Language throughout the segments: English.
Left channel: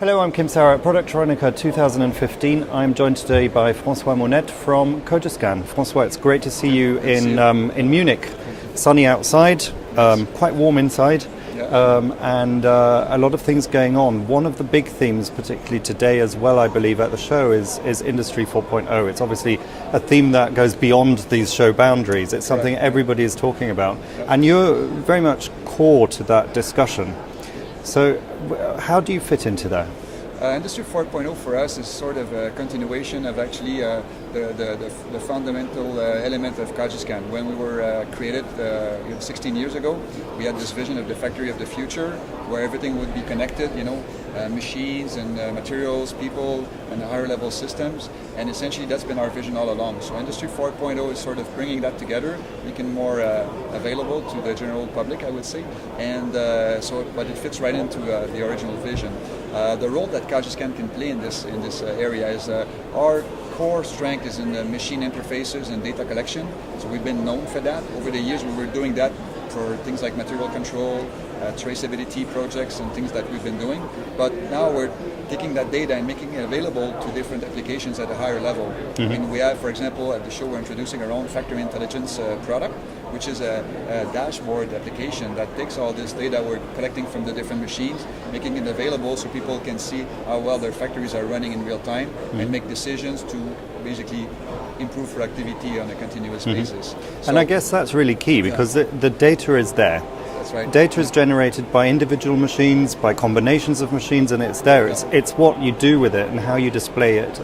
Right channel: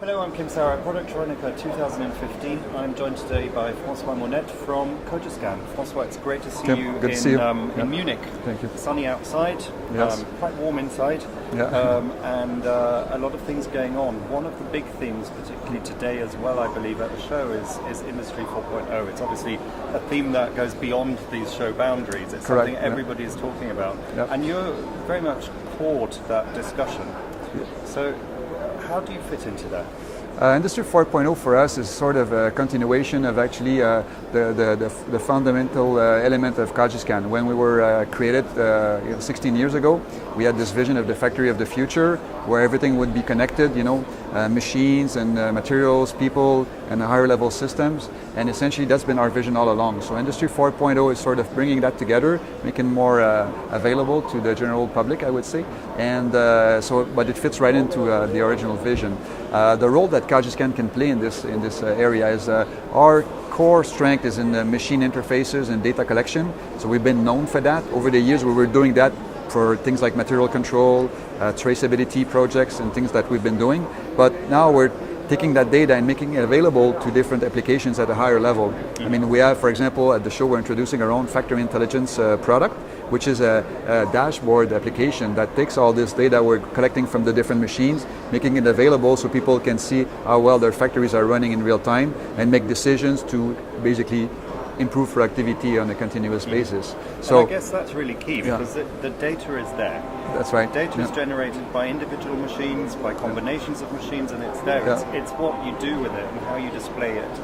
Hello, I'm Kim Sauer at Productronica 2015. I'm joined today by Francois Monette from Cogiscan. Francois, it's great to see you in Munich. Sunny outside, Yes. quite warm inside, and a lot of things going on. One of the big themes, particularly today as well, I believe, at the show is Industry 4.0. It's obviously a theme that goes beyond these show boundaries. It's something everybody is talking about, and you're very much core to that discussion. So how do you fit into that? Industry 4.0 for us is sort of a continuation of actually the fundamental element of Cogiscan. When we were created 16 years ago, we had this vision of the factory of the future where everything would be connected, machines and materials, people, and higher level systems. And essentially that's been our vision all along. So Industry 4.0 is sort of bringing that together, making it more available to the general public, I would say. And but it fits right into the original vision. The role that Cogiscan can play in this area is our core strength is in the machine interfaces and data collection. So we've been known for that. Over the years we were doing that for things like material control, traceability projects and things that we've been doing. But now we're taking that data and making it available to different applications at a higher level. Mm-hmm. I mean, we have, for example, at the show we're introducing our own factory intelligence product, which is a dashboard application that takes all this data we're collecting from the different machines, making it available so people can see how well their factories are running in real time and make decisions to basically improve productivity on a continuous basis. So, and I guess that's really key because the data is there. That's right. Data is generated by individual machines, by combinations of machines, and it's there. It's what you do with it and how you display it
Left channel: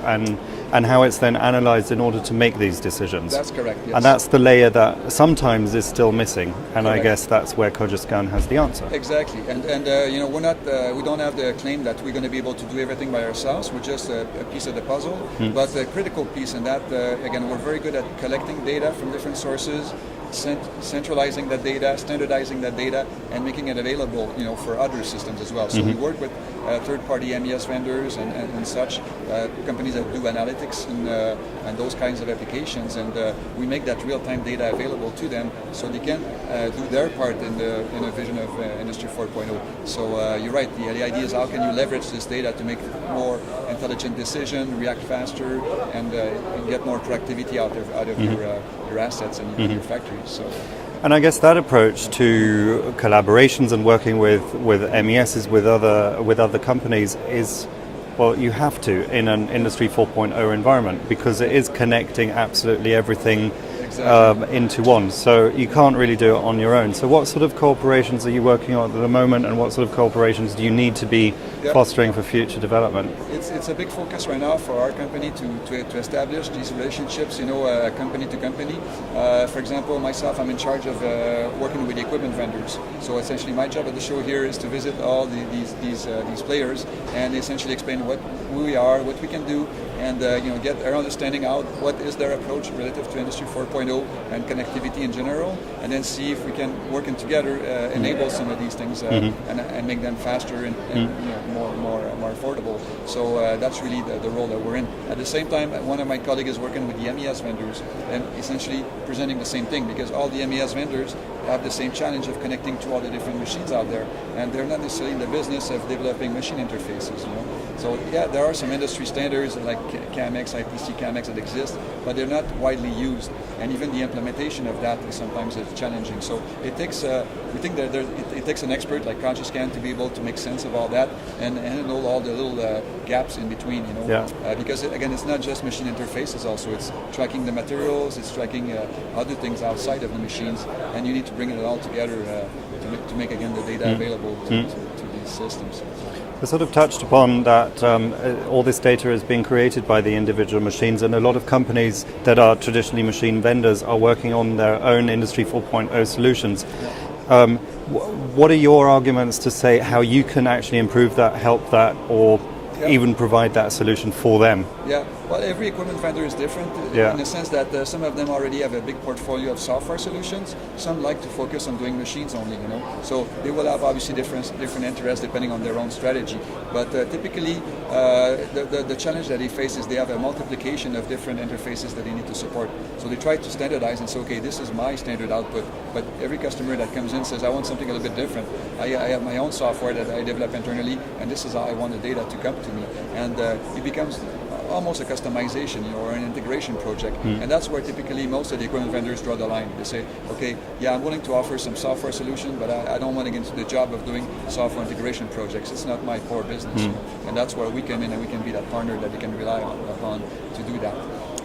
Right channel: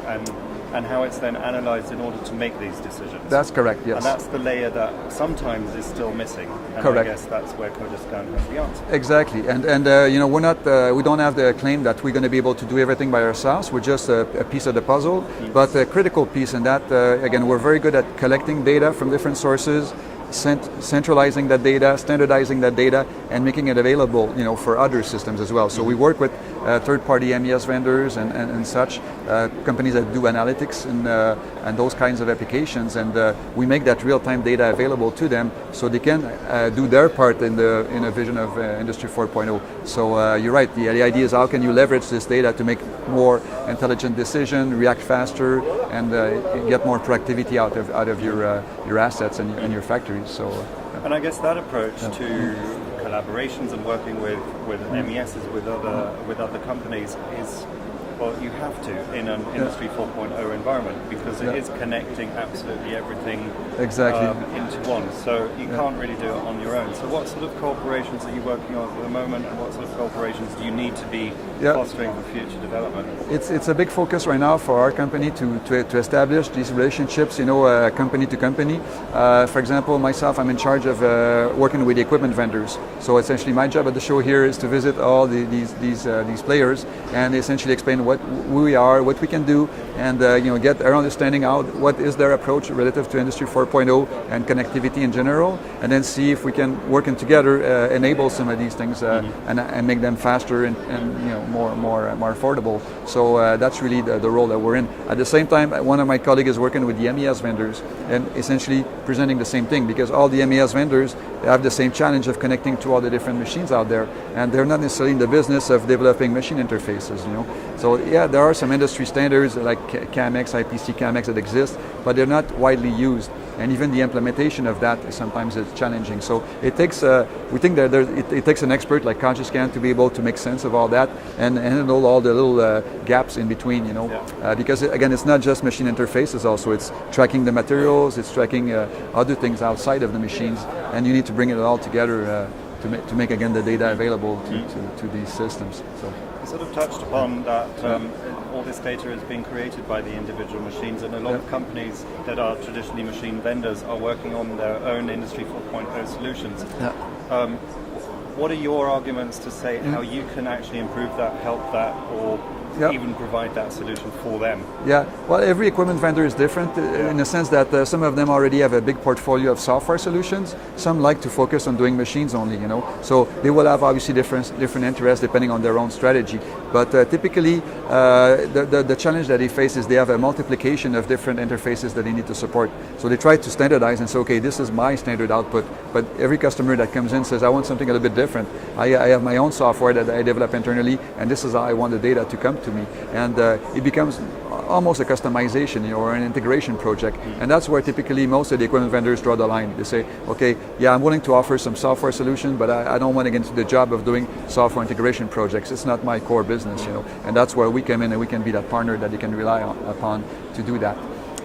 and how it's then analyzed in order to make these decisions. That's correct, yes. And that's the layer that sometimes is still missing. And correct. I guess that's where Cogiscan has the answer. Exactly. And we're not, we don't have the claim that we're going to be able to do everything by ourselves. We're just a piece of the puzzle, but a critical piece in that, again, we're very good at collecting data from different sources, centralizing that data, standardizing that data, and making it available, for other systems as well. So we work with third-party MES vendors and such companies that do analytics and those kinds of applications, and we make that real-time data available to them so they can do their part in a vision of Industry 4.0. So you're right. The idea is how can you leverage this data to make more intelligent decisions, react faster, and get more productivity out of your assets and your factories. So. And I guess that approach to collaborations and working with MESs with other companies is, well, you have to in an Industry 4.0 environment because it is connecting absolutely everything into one. So you can't really do it on your own. So what sort of cooperations are you working on at the moment, and what sort of cooperations do you need to be fostering for future development? It's a big focus right now for our company to establish these relationships, company to company. For example, myself, I'm in charge of working with the equipment vendors. So essentially my job at the show here is to visit all these players and essentially explain who we are, what we can do, and get our understanding out what is their approach relative to Industry 4.0 and connectivity in general, and then see if we can, working together, enable some of these things and make them faster and more affordable. So that's really the role that we're in. At the same time, one of my colleagues is working with the MES vendors and essentially presenting the same thing, because all the MES vendors have the same challenge of connecting to all the different machines out there, and they're not necessarily in the business of developing machine interfaces. So there are some industry standards like CAMX, IPC CAMX that exist, but they're not widely used, and even the implementation of that is sometimes challenging. So it takes, we think that it takes an expert like Cogiscan to be able to make sense of all that and handle all the little gaps in between, because again, it's not just machine interfaces. Also, it's tracking the materials, it's tracking other things outside of the machines, and you need to bring it all together to make again the data available to these systems. I sort of touched upon that all this data is being created by the individual machines, and a lot of companies that are traditionally machine vendors are working on their own Industry 4.0 solutions. What are your arguments to say how you can actually improve that, help that, or even provide that solution for them? Yeah, well, every equipment vendor is different in the sense that some of them already have a big portfolio of software solutions. Some like to focus on doing machines only, So they will have obviously different interests depending on their own strategy. But typically, the challenge that they face is they have a multiplication of different interfaces that they need to support. So they try to standardize and say, okay, this is my standard output. But every customer that comes in says, I want something a little bit different. I have my own software that I develop internally, and this is how I want the data to come to me. And it becomes almost a customization or an integration project. And that's where typically most of the equipment vendors draw the line. They say, okay, yeah, I'm willing to offer some software solution, but I don't want to get into the job of doing software integration projects. It's not my core business, And that's where we come in and we can be that partner that you can rely upon to do that.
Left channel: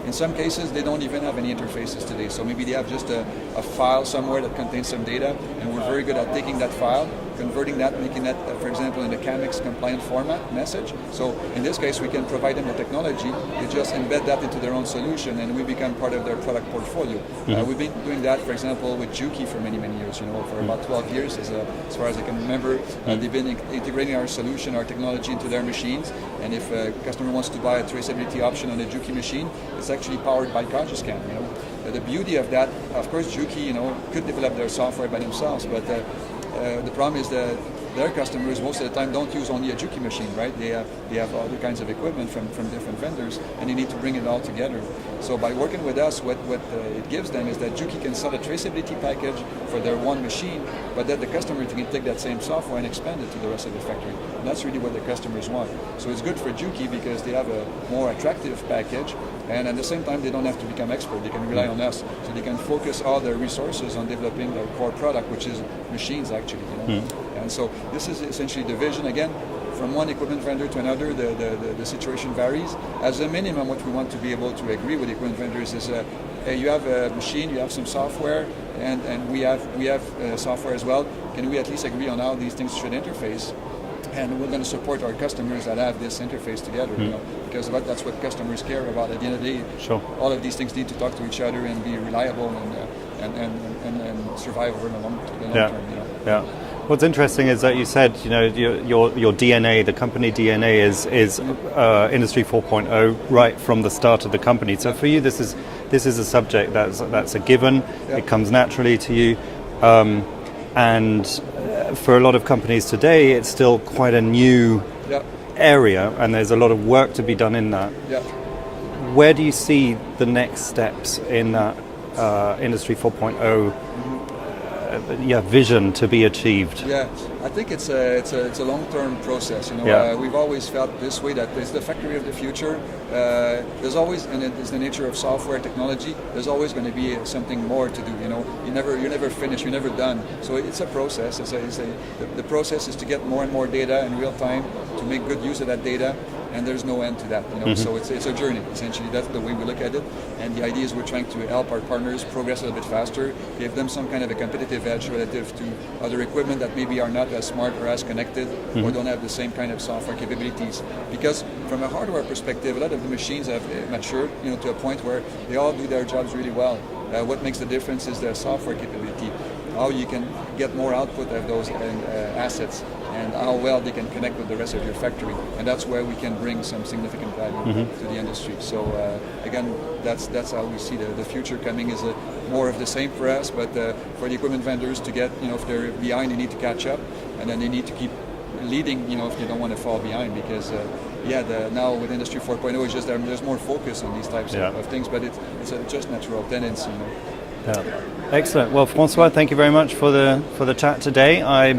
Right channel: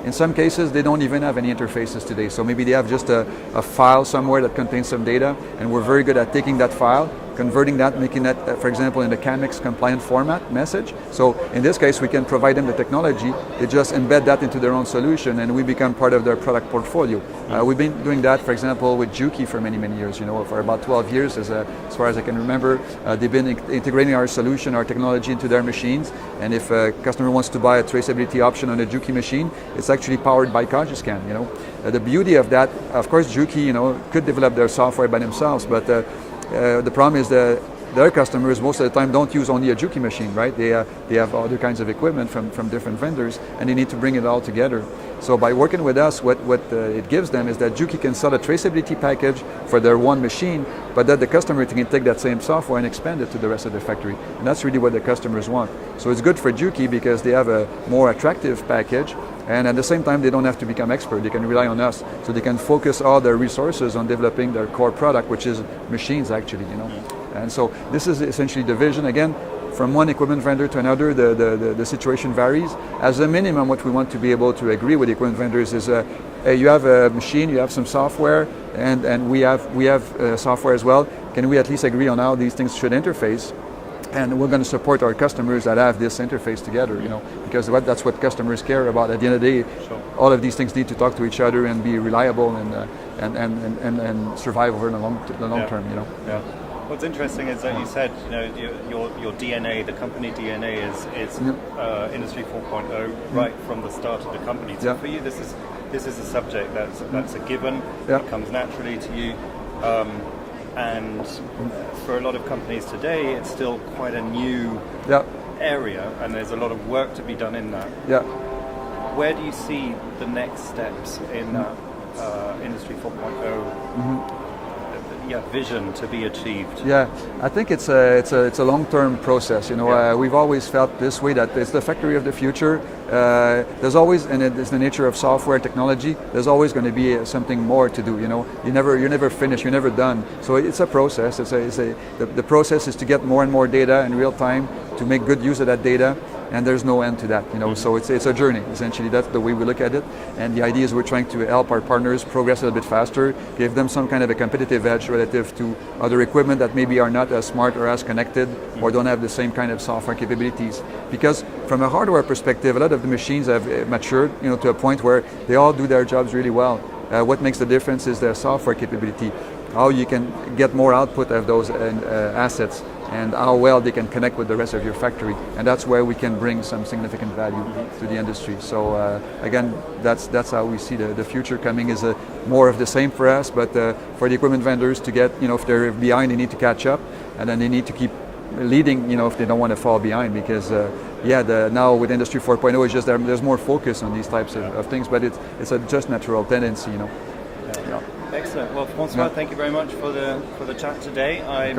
In some cases, they don't even have any interfaces today. So maybe they have just a file somewhere that contains some data, and we're very good at taking that file, converting that, making that, for example, in the CAMX compliant format message. So in this case, we can provide them the technology. They just embed that into their own solution, and we become part of their product portfolio. We've been doing that, for example, with Juki for many, many years. For about 12 years, as far as I can remember. They've been integrating our solution, our technology into their machines. And if a customer wants to buy a traceability option on a Juki machine, it's actually powered by Cogiscan. The beauty of that, of course, Juki, could develop their software by themselves, but the problem is that their customers most of the time don't use only a Juki machine, right? They have other kinds of equipment from different vendors, and they need to bring it all together. So by working with us, what it gives them is that Juki can sell a traceability package for their one machine, but that the customer can take that same software and expand it to the rest of the factory. And that's really what the customers want. So it's good for Juki because they have a more attractive package, and at the same time, they don't have to become expert. They can rely on us, so they can focus all their resources on developing their core product, which is machines, actually. And so this is essentially the vision. Again, from one equipment vendor to another, the situation varies. As a minimum, what we want to be able to agree with the equipment vendors is, you have a machine, you have some software, and we have software as well. Can we at least agree on how these things should interface? And we're going to support our customers that have this interface together, because that's what customers care about. At the end of the day, all of these things need to talk to each other and be reliable and survive over the long term. Yeah. What's interesting is that you said, your DNA, the company DNA is Industry 4.0 right from the start of the company. So for you, this is a subject that's a given. It comes naturally to you. And for a lot of companies today, it's still quite a new area, and there's a lot of work to be done in that. Where do you see the next steps in that Industry 4.0 vision to be achieved? Yeah, I think it's a long-term process. We've always felt this way, that it's the factory of the future. There's always, and it's the nature of software technology, there's always going to be something more to do. You're never finished, you're never done. So it's a process. The process is to get more and more data in real time, to make good use of that data, and there's no end to that. So it's a journey. Essentially, that's the way we look at it. And the idea is we're trying to help our partners progress a little bit faster, give them some kind of a competitive edge relative to other equipment that maybe are not as smart or as connected, or don't have the same kind of software capabilities. Because from a hardware perspective, a lot of the machines have matured, to a point where they all do their jobs really well. What makes the difference is their software capability, how you can get more output of those assets, and how well they can connect with the rest of your factory. And that's where we can bring some significant value to the industry. So again, that's how we see the future coming, is more of the same for us, but for the equipment vendors to get, if they're behind, they need to catch up, and then they need to keep leading, if they don't want to fall behind, because now with Industry 4.0, it's just there's more focus on these types of things, but it's a just natural tendency, Excellent. Well, Francois, thank you very much for the chat today. I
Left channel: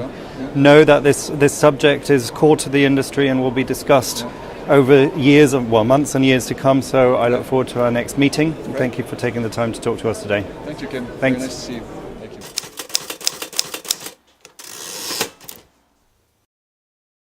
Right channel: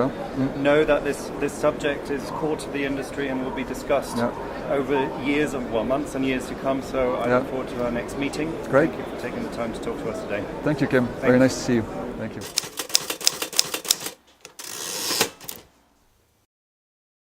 know that this subject is core to the industry and will be discussed over months and years to come. So I look forward to our next meeting. Great. Thank you for taking the time to talk to us today. Thank you, Kim. Thanks. Very nice to see you.